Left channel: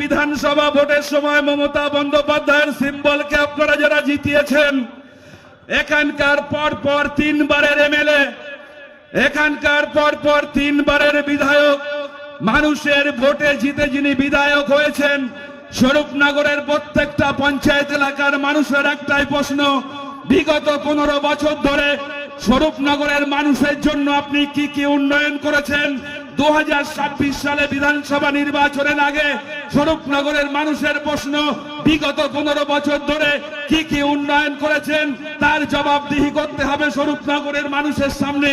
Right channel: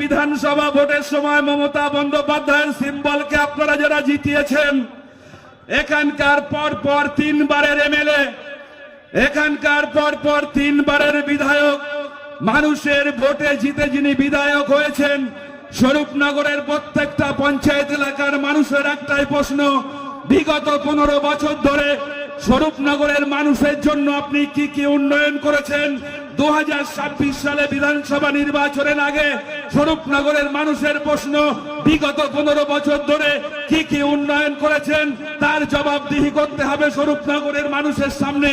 বিধানসভা ভোটের সময় মমতা বন্দ্যোপাধ্যায়ের সিম্বলকে আপনারা যারা জিতিয়েছেন, এখানকার পর পর তিনবারের এমএলএ, এখানকার পর পর তিনবারের বিধায়ক, মানুষের ভোটে জিতে যিনি বিধায়ক হয়েছেন, স্বরূপনগরের প্রত্যেকটা পঞ্চায়েত এলাকার মানুষের একটাই প্রশ্ন, বিগত পনেরো বছর ধরে স্বরূপনগরের মানুষের জন্য আপনি কি কি উন্নয়ন করেছেন? দু হাজার ছাব্বিশ সালে বিধানসভা নির্বাচনের আগে স্বরূপনগরের মানুষের প্রশ্ন, বিগত পনেরো বছর ধরে কি কি উন্নয়ন করেছেন? তার জবাবদিহি করতে হবে স্বরূপনগরের মানুষের সামনে।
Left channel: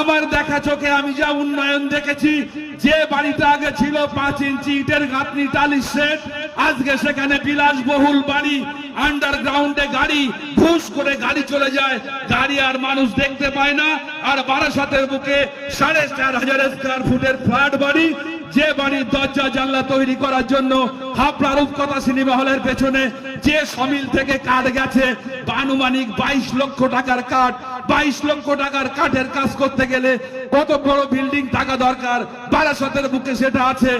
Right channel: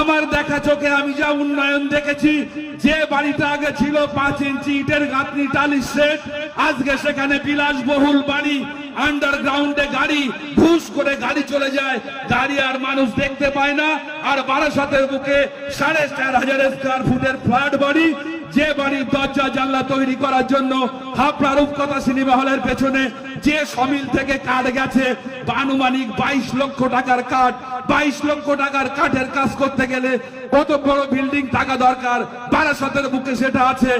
আমার দেখা চোখে আমি যা উন্নয়ন দেখেছি, যে বাড়িটা আগে ছিল পাঁচ ইঞ্চি ইটের গাঁথনি টালির সেট, আজকে সেখানে বিলাসবহুল বাড়ি আন্ডারগ্রাউন্ডে গাড়ি ঘুষ করে গাড়ি চলে যায়। গাড়ি আর মানুষ দেখতে পায় না। আর বারাসাতের বুকে সাড়ে চার হাজার স্কোয়ার ফুটের ফ্ল্যাট বাড়ি যে বাড়ির দরজা জানলা তৈরি করার জন্য হাপড়া রূপকথা সিনেমা হলের পেছনে যে সমিল থেকে কাঠ গেছে আনুমানিক বাইশ লক্ষ টাকার কাঠ বাইশ লক্ষ টাকার কাঠের কাজ করতে গেলে কত বড় বিল্ডিং টাকা দরকার? বারাসতের বুকে সেটা আছে।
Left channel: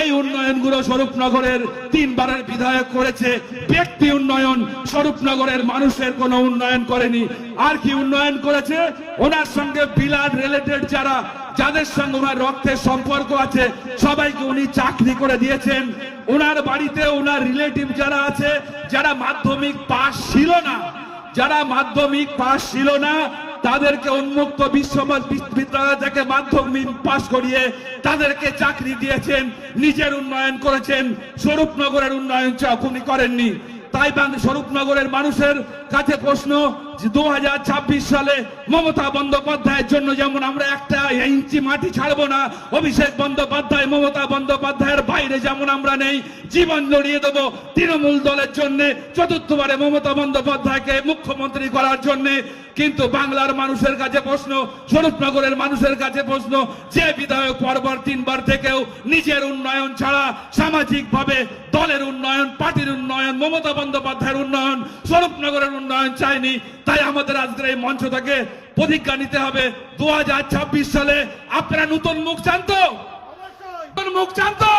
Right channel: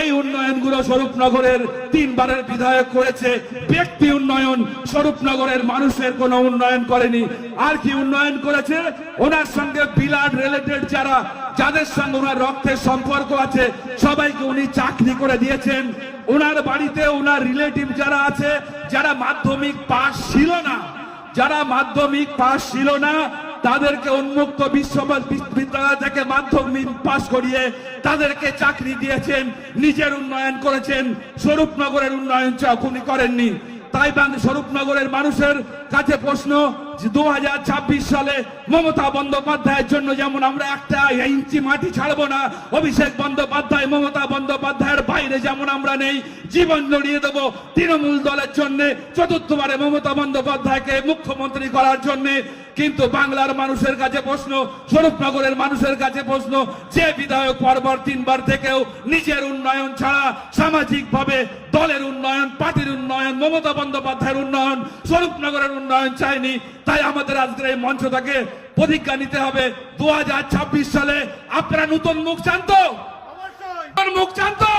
এই উন্নয়নগুলো স্বরূপনগরের তিনবারের বিধায়ক করেছে। ব্যক্তি উন্নয়ন, স্বরূপনগরের মানুষের কোনো উন্নয়ন করেনি। আর কি উন্নয়ন করেছে? ওনার সঙ্গে বিলার রিলেটেড যারা যাদের সঙ্গে ওনার রক্তের সম্পর্ক আছে, সবাইকে উনি চাকরি করে দিয়েছেন। ওনার বাড়িতে ওনার রিলেটিভ যারা আছে, যারা মাধ্যমিক পাস ছিল না, যারা মাধ্যমিক পাস ছিল না, তাদেরকে উন্মুক্ত বিশ্ববিদ্যালয় থেকে মাধ্যমিক পাস করিয়ে তাদেরকে চাকরি দিয়েছেন, নিজের উন্নয়ন করেছেন। স্বরূপনগরের উন্নয়ন উনি করেননি। তাই স্বরূপনগরের মানুষের কাছে প্রশ্ন দু হাজার ছাব্বিশ সালে মমতা বন্দ্যোপাধ্যায়ের জন্য যেমন আমরা একটা ইঞ্চি মাটি ছাড়বো না, অভিষেক বন্দ্যোপাধ্যায়, মমতা বন্দ্যোপাধ্যায়ের বাইরে যেমন আমরা নেই, জীবন লড়িয়ে দেব তৃণমূল দলের চতুর্থবারে মমতা বন্দ্যোপাধ্যায়কে মুখ্যমন্ত্রী করার কিন্তু বাংলার মানুষের কাছে প্রশ্ন, স্বরূপনগরের মানুষের কাছে প্রশ্ন, যে বিধায়ক পরবার তিনবার থেকেও নিজের উন্নয়ন ছাড়া সামাজিক ভাবে দলের উন্নয়ন, পার্টির উন্নয়ন, মমতা বন্দ্যোপাধ্যায়ের উন্নয়ন, স্বরূপনগরের উন্নয়ন চাইনি তাই আমাদের আজকের এই মঞ্চ থেকে প্রতিজ্ঞা নিতে হবে। দু হাজার ছাব্বিশ সালে আপনারা নতুন মুখ চান তো? মুখ চান তো?